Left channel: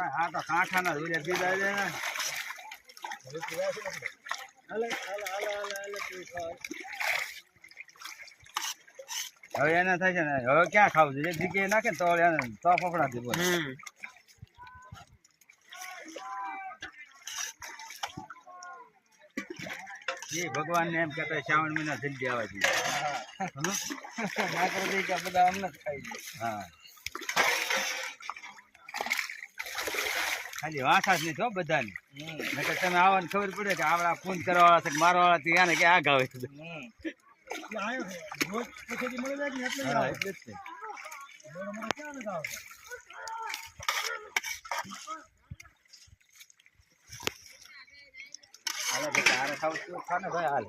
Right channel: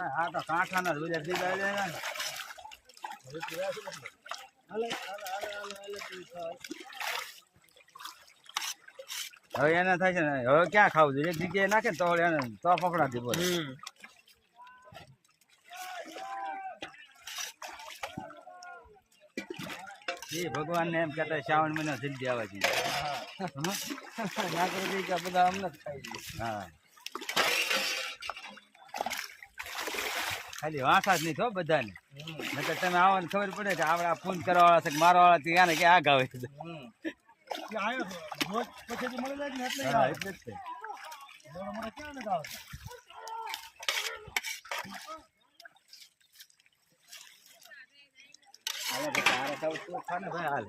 હા તો કાંઠાના રોજા દીધા છે ને હવે એને થાય છે ને હવે ક્યાં ખાવું જોઈએ એક જગ્યાએ નાખે તો એને તો ફફડાથી બોલે એ ભગવાન ને એમ કહેતા શ્રાવણ મહિનો જલ્દી આવવા જોઈએ બધા અમને જ ખાઈ દઈએ હા ખાલી વાંખા જ નહીં થો બધાને નકર તમે આવવાની ખબર પડે કે આપડા ફોન કરવા વાળા છે મારવા વાળા ત્યાં ને કે આ ગાવે હાલ